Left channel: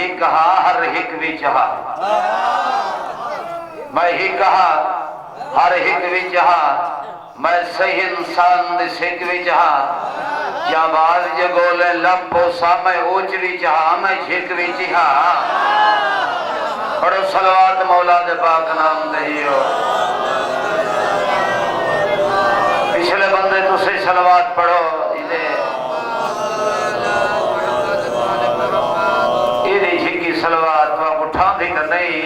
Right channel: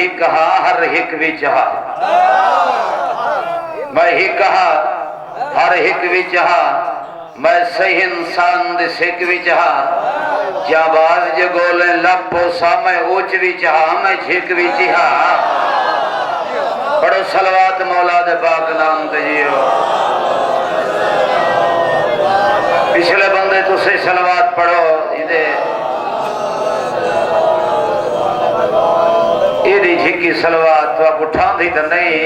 ही कहा हर हिक विच हा, मैं ही कहा हर हिक विच हा, मैं सही इंसान दे सिक विच हा, जाबाज जे गोले लपो सामे ओच विच हा, मैं झिक विच हा। पढ़ो सलवात मौला दे पाक नाम ते जियो। पिछले बंदे तुसी सलवात पढ़ो, इदी झिकी सलवात तो आप उठांदी तो नहीं।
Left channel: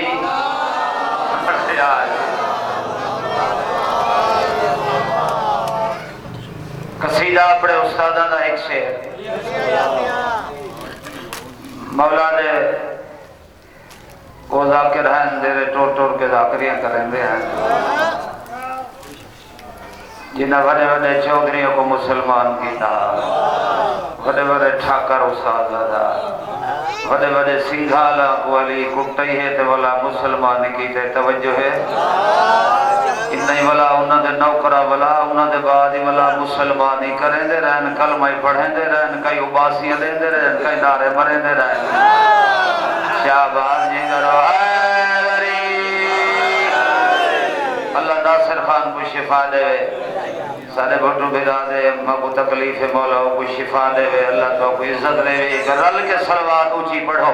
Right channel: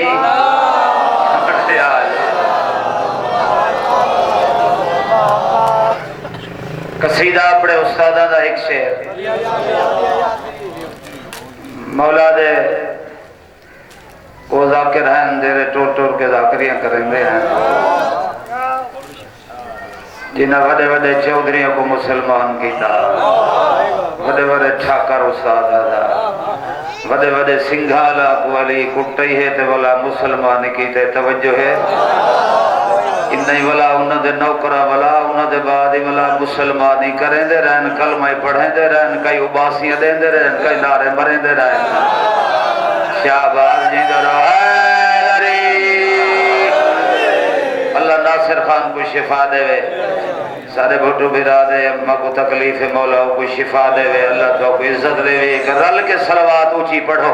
कसीदा अपने उस्तादा दा एक शेर मौला दे वो जाकिर हैं जेरे टोर टोर के जाकिरियां करेंगे हैं, जिन्हें बड़े बड़े चौधरियों को मुसलमान किया, बड़े बड़े ठाकर उस्तादा दा, बड़े बड़े सिंघाला वाली कुट्टी है तो वाला मुसलमान की ते तवज्जो है इन्हीं वाला उन्होंने नौकरा वाला उन्होंने बाद वाला मुसलमानी करें दे रहन, कलमा पढ़े दे रहन, कई उबासियां दे दे रहन, कई नारे मरे दे रहन। शाहबाज जी अल्लाह नासिर खान को शिफा दे, सारे भुट्टू बिरादे अम्मा को तकलीफ है, मौला को शिफा दे, अल्लाह तो को इज्जत दे। रल के सलवात ऊंची पढ़ो।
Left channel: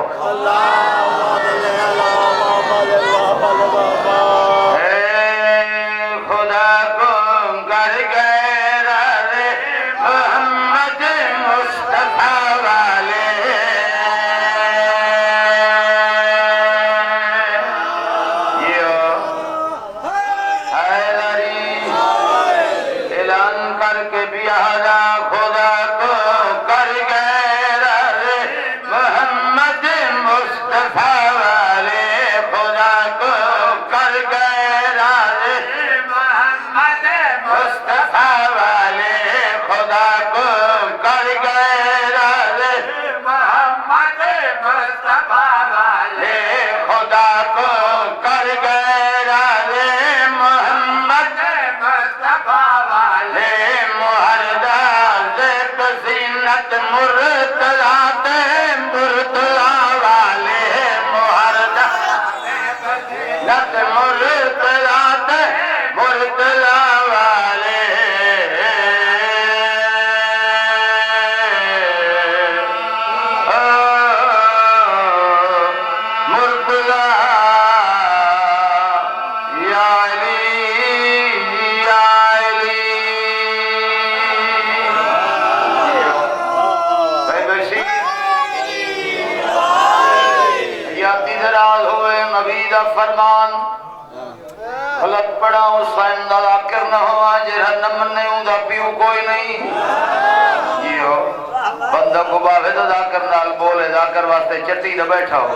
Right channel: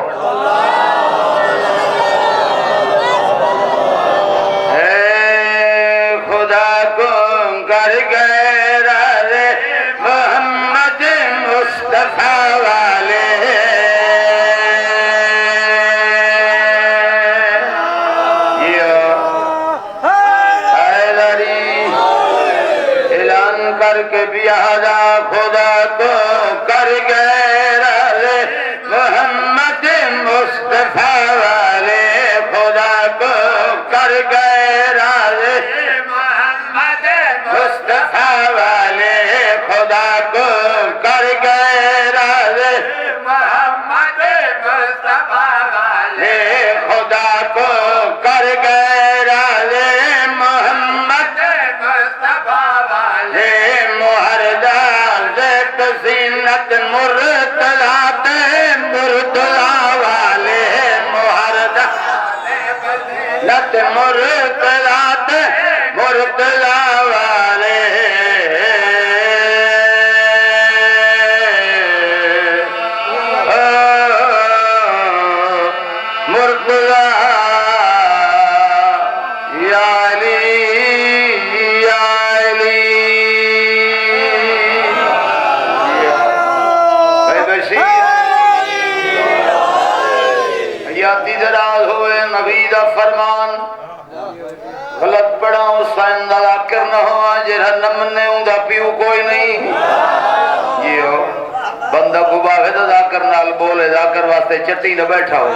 चट्टी न बैठा हो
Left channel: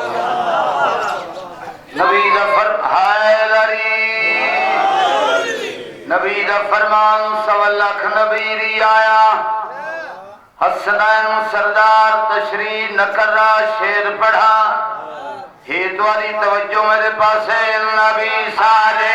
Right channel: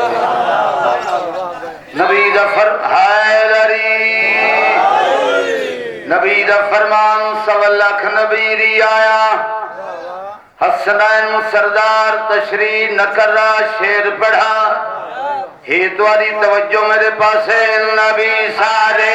नबी दा नबी दा फरमान सवा लाख नबी री आया हसनैन सरदार तशरीफ न करा शेर पढ़ा हे तुम्हारी तवज्जो मेरे पास है नबी सारे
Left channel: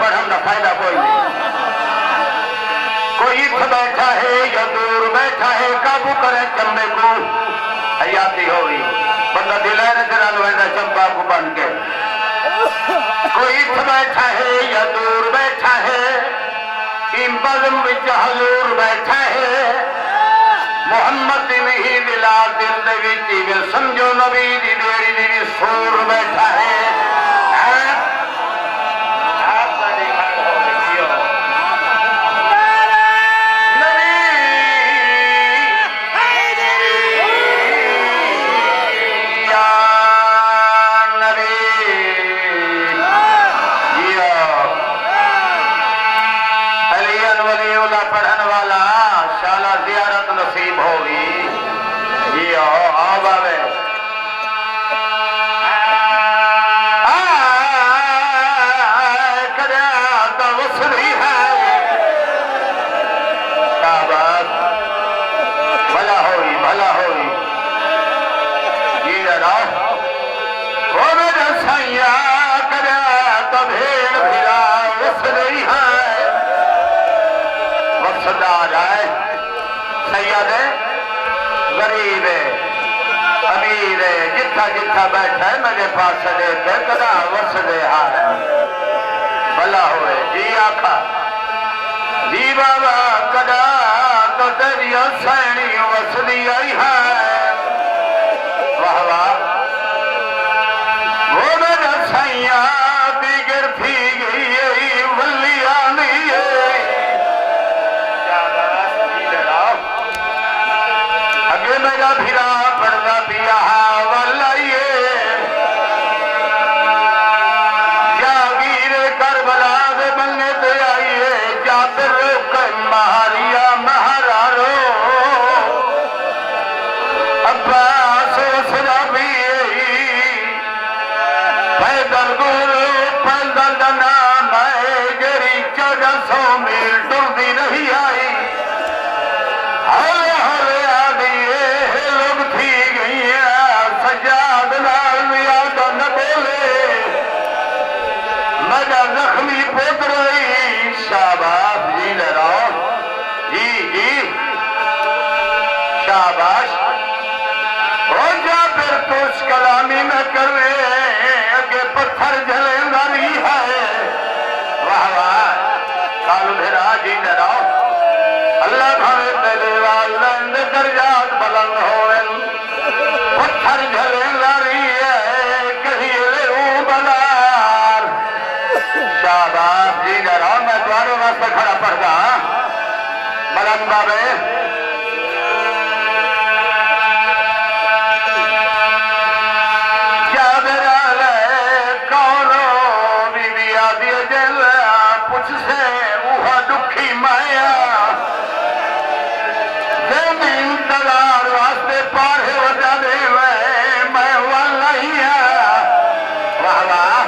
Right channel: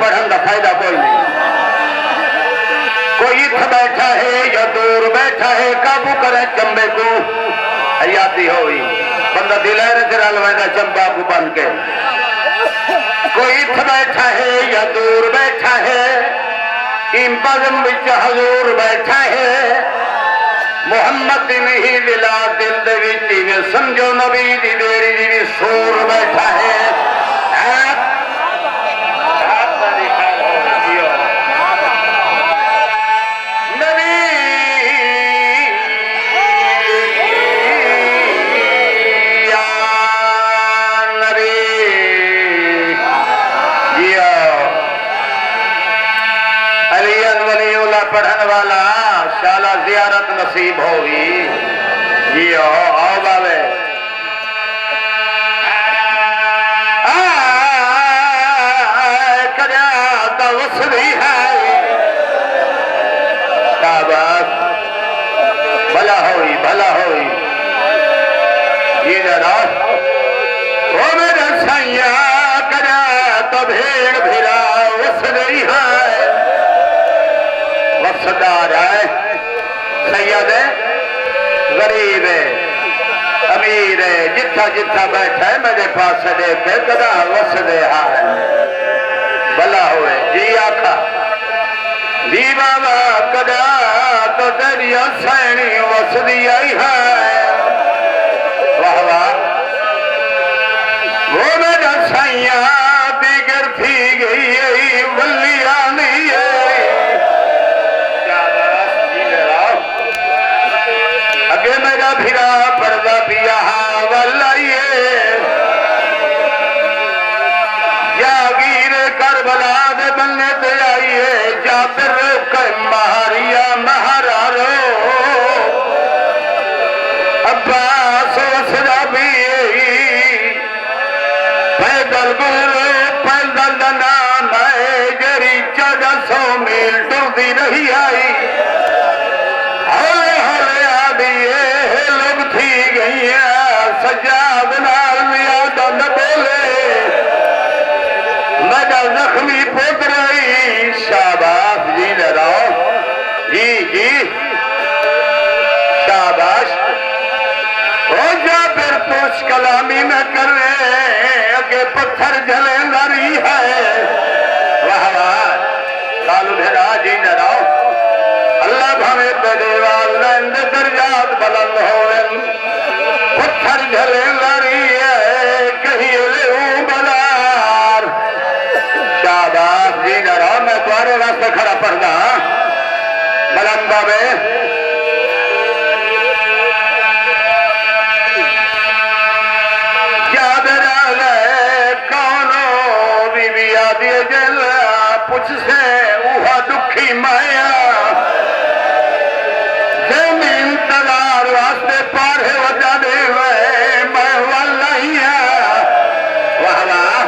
पढ़ने का फायदा कोई नहीं। कोई इत बैठा है या दूर बैठा है, काबू करे चंबे को हरियाती होगी बंदा दिलार चल वैदा चंबा को बन के। कोई इत बैठा है या दूर बैठा है, इन बज़म विच हजूर बैठा है। मुहम्मद नहीं मिला दिल दे विच वे समझो नबी दी बेड़ी दी सूर बैठा है। नसीब होगी ये आओ बाबे तो उस नहीं है भला होगी ये जरा वो मेरे सैया करा तभे भिरा उस नहीं है वफादार है सैयद है गरीब है अमीर है जिथा जिथा बैठा है मेरे पास देते कदा वस दे हाल भला होए जी आखा जी बाबा कदा तो तेरिया सैनी वस दी आई है वाह वाह वो मेरा सैया दिगर थी गई वलिया नहीं है। कलामी में कर अगे पत्थर जले नरी है वाह वाह कालू धेरा जी डराओ अल्लाह भावे देवाल दर्जात बुलंद हो पत्थर जले नरी है कहीं ले बलार शाबाश जी डराओ मैं तुम्हारे रास्ते खड़ा पड़गा बुलंद बाबे से उहा दुखी माया जमीन तदार वास्ते पारे वजा दे मैं वाला ही है वाह वाह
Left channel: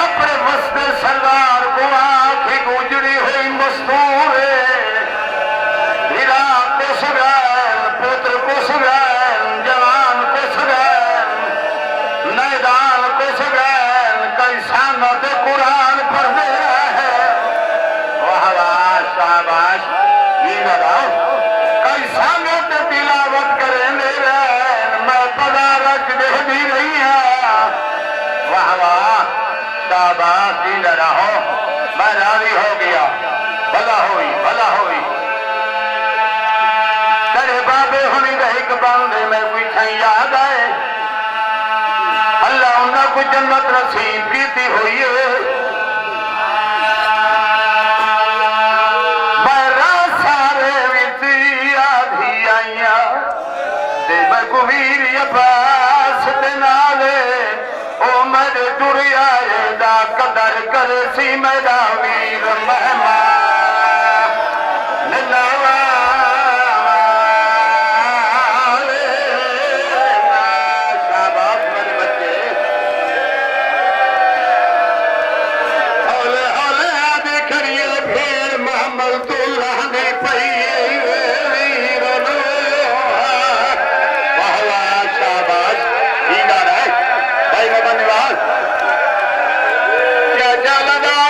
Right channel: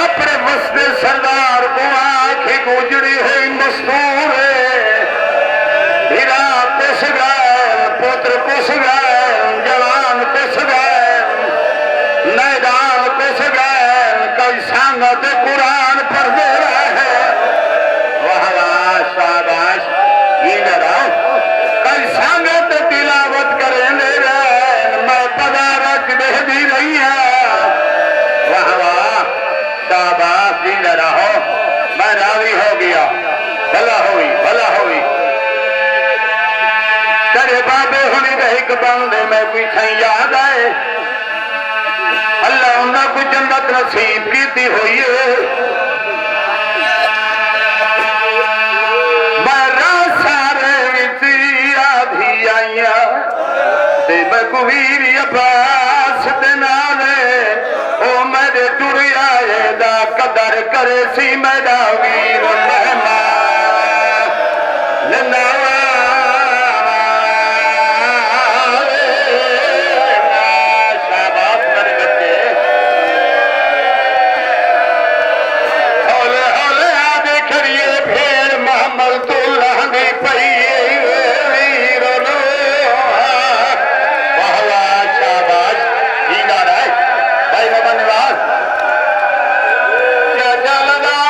अपने वस्ते सरदार को आंखें गुजरी है मस्तूर हीरा कुछ गैल पुत्र कुछ गैल जवान कुछ गैल मैदान कुछ गैल कई संगत कुरान पर दे बंदे में पीछे याद है अल्लाह उन्होंने जन्नत नसीब की हुई है बारा सारे आधी आईया बगवीर अब्बास दे नाले ओ मेरे टुरिया दा कदर करे सी मेरा वीर जलदा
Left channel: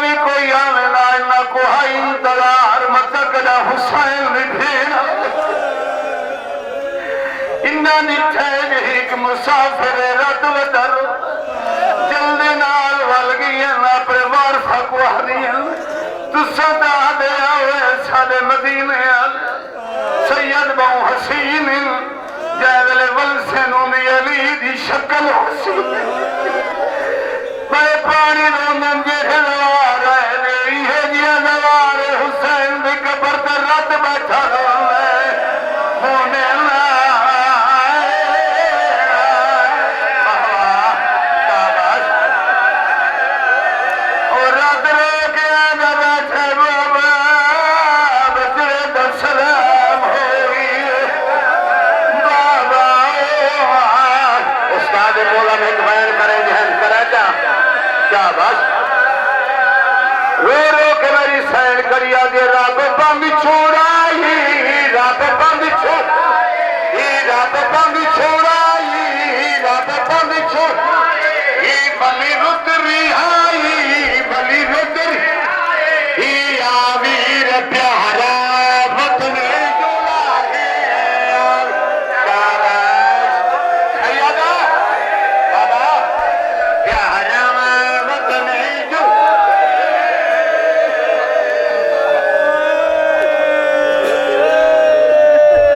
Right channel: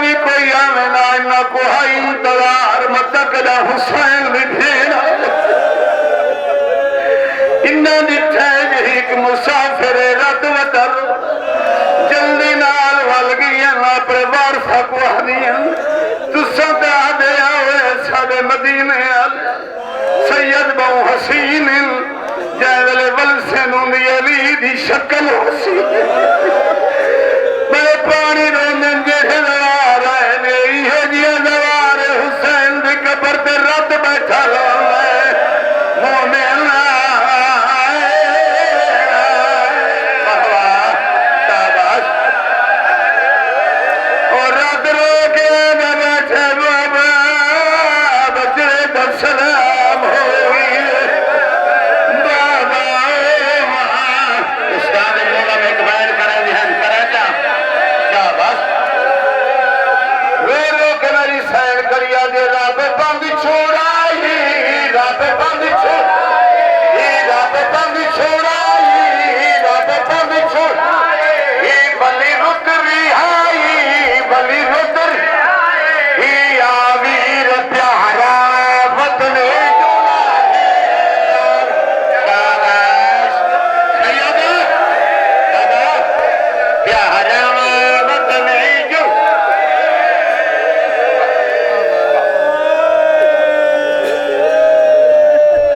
भी कोई आवे ना इन्ना कोई इंतजार मतकदा हुसैन मिठेना इन्ना जिथे एक मुसाफिर रत वतर जल्दी नाल वल गई अपने वारसा को आदियां तुसा ते आदे आवे साडे मदीने सैयद बहु हसीन जैले वलसे नु अली दी शक्ल हसीन